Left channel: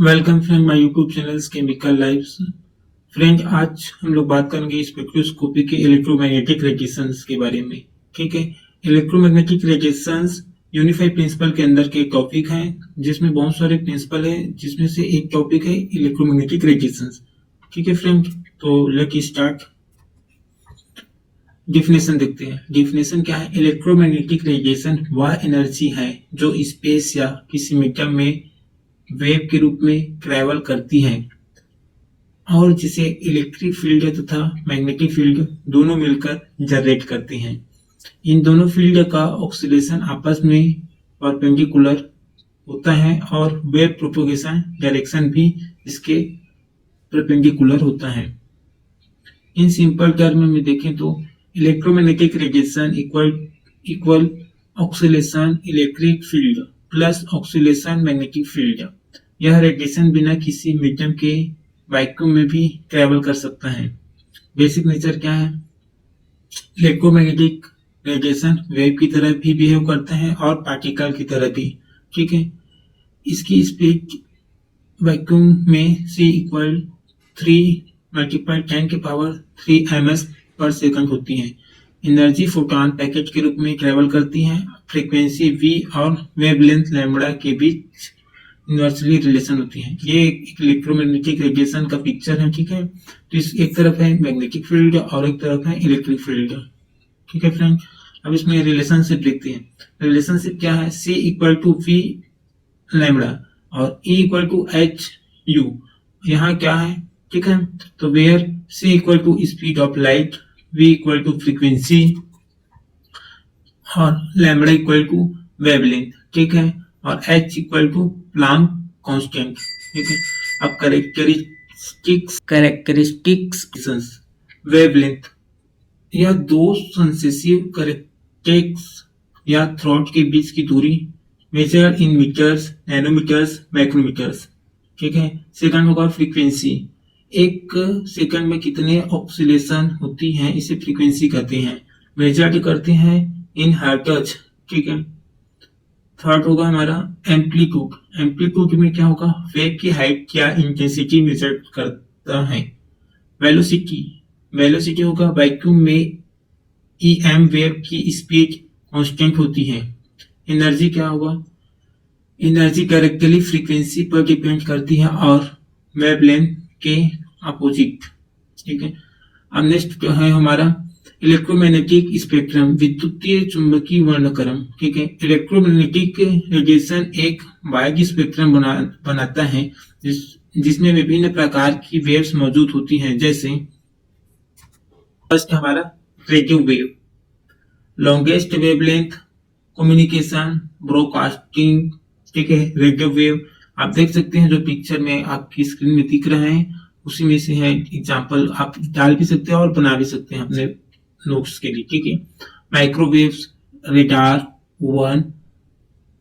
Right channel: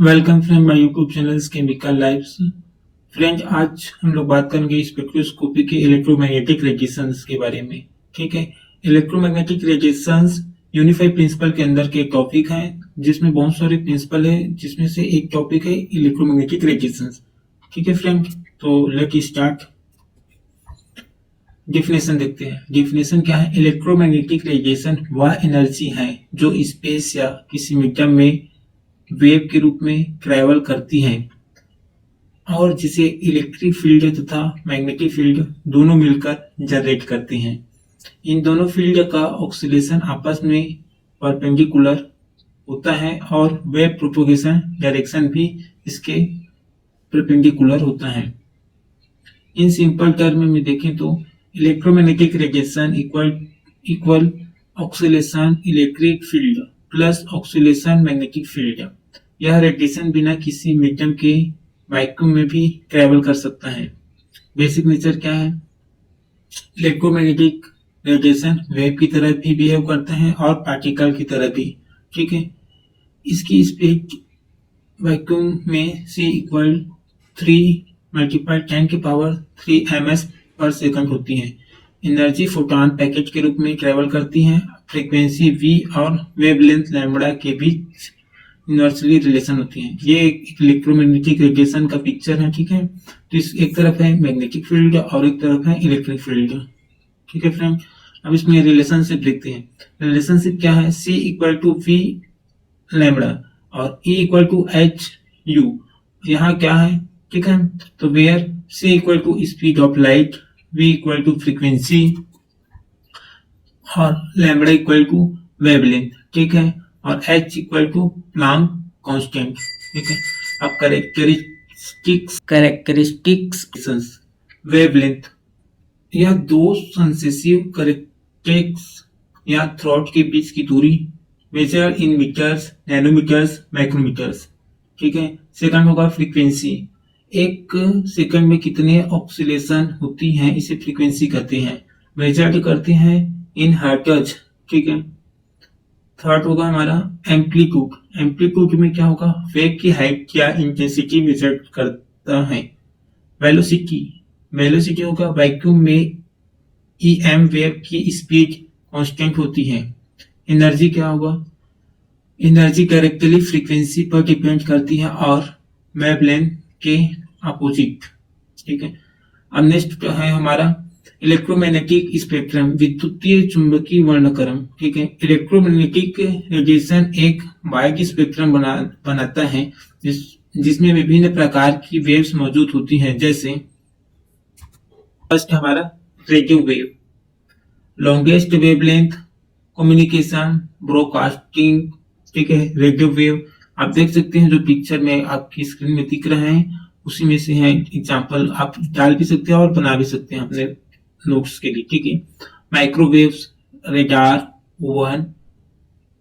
Welcome friend my YouTube channel chemical lives. Friend, आज हम लोग बात करेंगे स्पेक्ट्रोस्कोपी के इलेक्ट्रोमैग्नेटिक रेडिएशंस के बारे में। ठीक है, इलेक्ट्रोमैग्नेटिक रेडिएशंस यूनिफाइड प्रिंसिपल के अंदर के टॉपिक हैं, जिसमें बहुत सारे प्रिंसिपल है, जिसमें से एक टॉपिक है इलेक्ट्रोमैग्नेटिक रेडिएशंस। ठीक है फ्रेंड, तो लेट स्टार्ट। डिफिनेशन देखते हैं। डिफिनेशन क्या है? इलेक्ट्रोमैग्नेटिक रेडिएशन वह एनर्जी है जो स्पेस या किसी मीडियम में वेव के रूप में ट्रेवल करती है और जिसे इलेक्ट्रिक फील्ड तथा मैग्नेटिक फील्ड दोनों मिलकर जनरेट करते हैं। इन दोनों फील्ड का ऑक्सीलेशन आपस में परपेंडिकुलर होता है और वेव प्रोपोगेशन डायरेक्शन भी इसके परपेंडिकुलर होता है। इन सिंपल टर्म में देखें तो electromagnetic radiation equal oscillation electric field plus oscillation magnetic field. यह रेडिएशन बिना किसी मीडियम के वैक्यूम में भी ट्रेवल कर सकता है। बेसिक नेचर क्या है? इलेक्ट्रोमैग्नेटिक रेडिएशन वेव की तरह भी बिहेव करता है और पार्टिकल की तरह भी। ठीक है, इसकी स्पीड वैक्यूम में C इक्वल 3 × 10⁻³ ms पर सेकंड होती है। एनर्जी फोटॉन पैकेट के रूप में ट्रेवल करती है। फ्रीक्वेंसी v और वेवलेंथ लैम्बडा के बीच इनवर्सली रिलेशन होती है। ये एक इलेक्ट्रोमैग्नेटिक रेडिएशन का पिक्चर है। ठीक है, तो इस एक तरफ है मैग्नेटिक फील्ड और एक तरफ है इलेक्ट्रिक फील्ड। ठीक है फ्रेंड, अब इसमें रिलेशनशिप देखते हैं। रिलेशनशिप क्या है? C equal to V lambda और E equal to H U। यहाँ क्या है? ठीक है, तो where C equal to speed of light, V equal to frequency और लैम्बडा इक्वल टू वेवलेंथ। ठीक है, और H equal to Planck constant. ठीक है, अब कैरेक्टरिस्टिक्स वेवलेंथ, यह दो सक्सेसिव कैरेक्टरिस्टिक्स या थ्रॉट के बीच की दूरी measure in metres, nanometres, micrometres. ठीक है, सेकंड होगा फ्रीक्वेंसी। एक सेकंड में कितने ऑक्सीलेशन होती हैं इसे फ्रीक्वेंसी कहते हैं। मेजर्ड करते हैं इन हर्ट्ज। ठीक है, थर्ड होगा हमारा एम्पलीट्यूड। एम्पलीट्यूड में क्या होगा? वेव की हाइट या इंटेंसिटी मेजर करता है। वेलोसिटी होगा वैक्यूम में EM वेव की स्पीड कांस्टेंट होती है। एनर्जी क्या होगा? एनर्जी डायरेक्टली फ्रीक्वेंसी पर डिपेंड करती है और वेवलेंथ के अपोजिट। ठीक है, अब नेक्स्ट है हमारा इलेक्ट्रोमैग्नेटिक स्पेक्ट्रम, विद्युतीय चुंबकीय वर्णक्रम। ठीक है, इलेक्ट्रोमैग्नेटिक रेडिएशन एक वाइड स्पेक्ट्रम बनाता है जिसमें विभिन्न प्रकार की वेव्स मौजूद होती हैं। जैसे फर्स्ट हमारा radio wave, longest wavelength, communication, broadcasting. ठीक है, रेडियो वेव आप देख सकते हैं जो पिक्चर में आपकी स्क्रीन में दिख रहा है उसी में से है। एग्जांपल आप डाल भी सकते हैं और बना भी सकते हैं अपने नोट्स के लिए। ठीक है, microwaves, radar, one,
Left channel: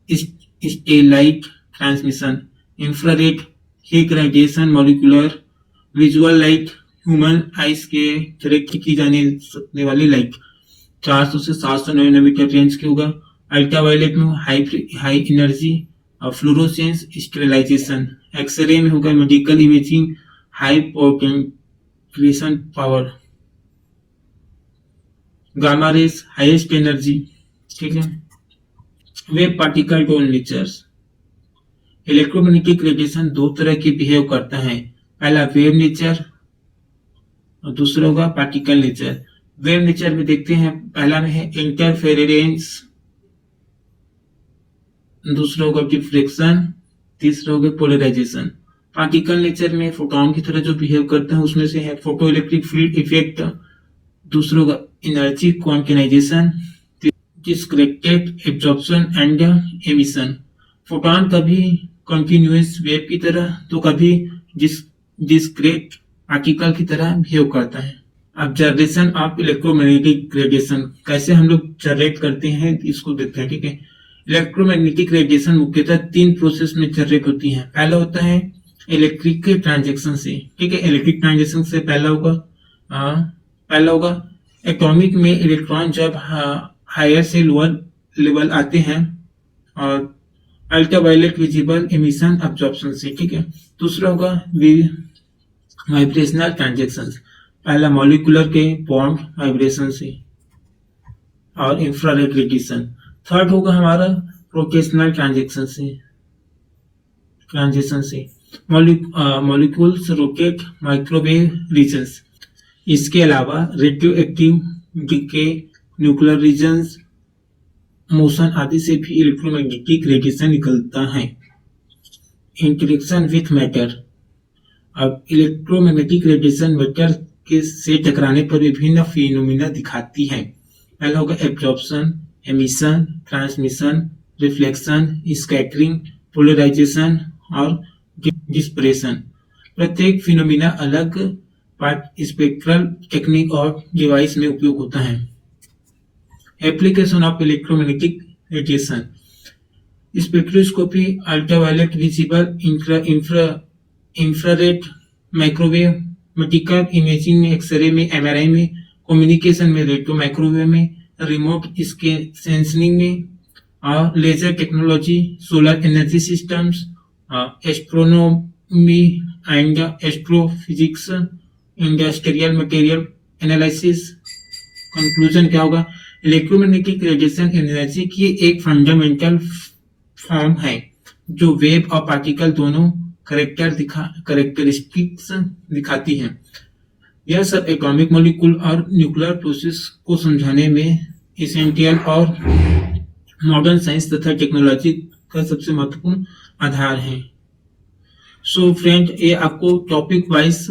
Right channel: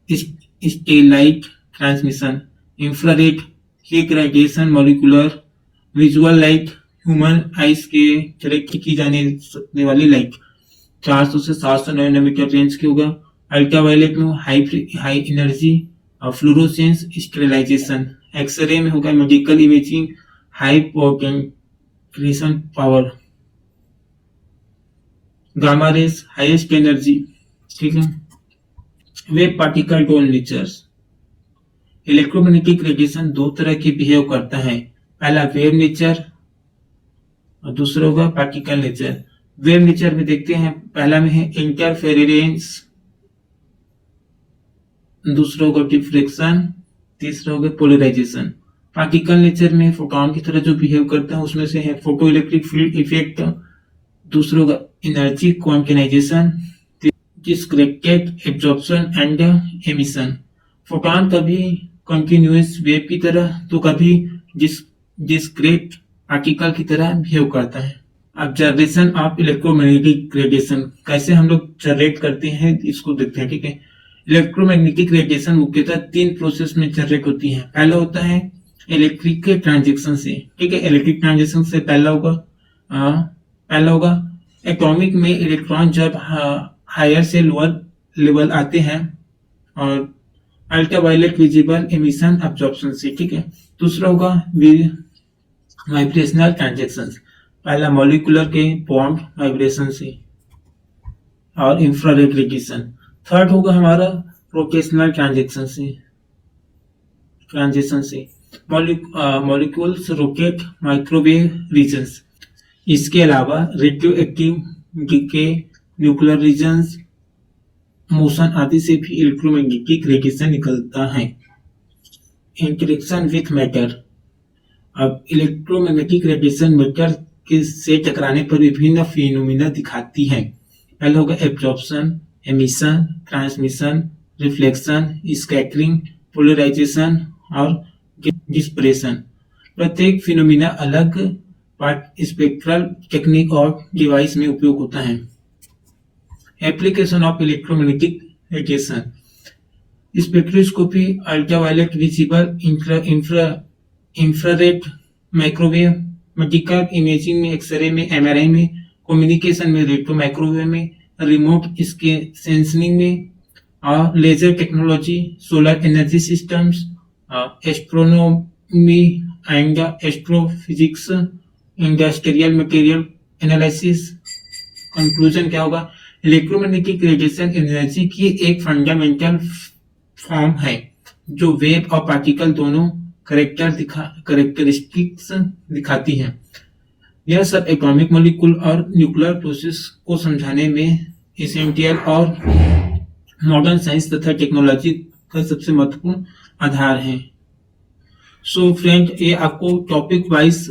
stellite transmission, infrared, heat radiation, molecular, visual light, human ice के डायरेक्ट की जाने सकने वाली लाइट 400 से 700 नैनोमीटर रेंज के होगा। अल्ट्रावायलेट में हाई एनर्जी और फ्लोरोसेंस स्टेरिलाइजेशन। एक्सरे में होगा medical imaging, high potential power. Gamma rays highest energy. ठीक है, wave particle done natures. Electromagnetic radiation दो तरह की बिहेव करता है। पहला वेव नेचर और दूसरा होगा पार्टिकल नेचर। वेव नेचर में देखते हैं, पहला में है इंटरफेरेंस, दूसरा होगा डिफ्रेक्शन, तीसरा होगा पोलराइजेशन। पार्टिकल नेचर में फोटॉन की तरह जो बिहेव करता है उसमें से है फोटो इलेक्ट्रिक फील्ड इफेक्ट, दूसरा होगा energy quantization, discreted absorption and emission. Photon कभी कंटिन्यूअस वेव की तरह तो कभी डिस्क्रीट पार्टिकल की तरह बिहेव करता है। अब जनरेशन ऑफ इलेक्ट्रोमैग्नेटिक रेडिएशन, कैसे हम लोग जनरेट करते हैं इसको देखते हैं। ठीक है, इलेक्ट्रोमैग्नेटिक रेडिएशन मुख्यतः 3 प्रोसेस में जनरेट होती है। पहला होता है इलेक्ट्रिक के ट्रांजेक्शन से। ठीक है, इलेक्ट्रिक ट्रांजेक्शन से पहला होगा एटॉमिक में इलेक्ट्रॉन जब हायर से लोअर लेवल आते हैं और अल्ट्रावायलेट विजिबल एमिशन अब्जॉर्प्शन से, ठीक है। दूसरा होगा वाइब्रेशनल ट्रांजेक्शन, पहला मॉलिकुलर के बॉन्ड वाइब्रेशन से और इंफ्रारेड रेडिएशन। थर्ड होगा हमारा रोटेशनल ट्रांजेक्शन से मॉलिक्यूल्स रोटेट माइक्रोवेव रीजन्स। इसके अलावा radio active decay, nuclear regions, motion आदि से भी इलेक्ट्रोमैग्नेटिक रेडिएशन निकलता है। इंटरेक्शन विथ मैटर, अब इलेक्ट्रोमैग्नेटिक रेडिएशन मैटर के से टकराने पर विभिन्न फिनोमिना दिखाती है। पहला होगा absorption, emission, transmission, reflection, scattering, polarisation और डिस्पर्सन। प्रत्येक फिनोमिना अलग स्पेक्ट्रल टेक्निक और डिवाइस में उपयोग होता है। Application of electromagnetic radiation, spectroscopy, ultraviolet visible, infrared, microwave, medical imaging में, एक्सरे में, एमआरआई में, कम्युनिकेशन में, रेडियो माइक्रोवेव में, रिमोट सेंसिंग में और laser technology, solar energy systems, astronomy and astrophysics, industrial material analysis. Conclusion क्या होगा? इलेक्ट्रोमैग्नेटिक रेडिएशन एनर्जी की एक फंडामेंटल फॉर्म है जो वेव और पार्टिकल दोनों कैरेक्टरिस्टिक्स दिखाती है। यह सब एटॉमिक मॉलिक्यूल और न्यूक्लियर प्रोसेस को समझाने में एसेंशियल और मॉडर्न साइंस तथा टेक्नोलॉजी का सबसे महत्वपूर्ण आधार है। सो फ्रेंड, ये आपको टॉपिक वाइज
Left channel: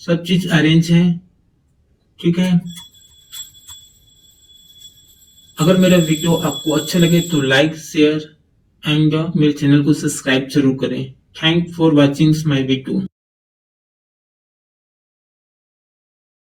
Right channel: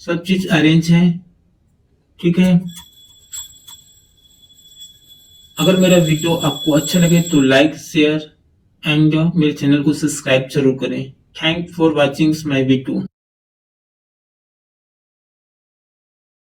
सब चीज अरेंज है, ठीक है। अगर मेरा वीडियो आपको अच्छा लगे तो लाइक, शेयर एंड मेरे चैनल को सब्सक्राइब जरूर करें। Thank for watching my video.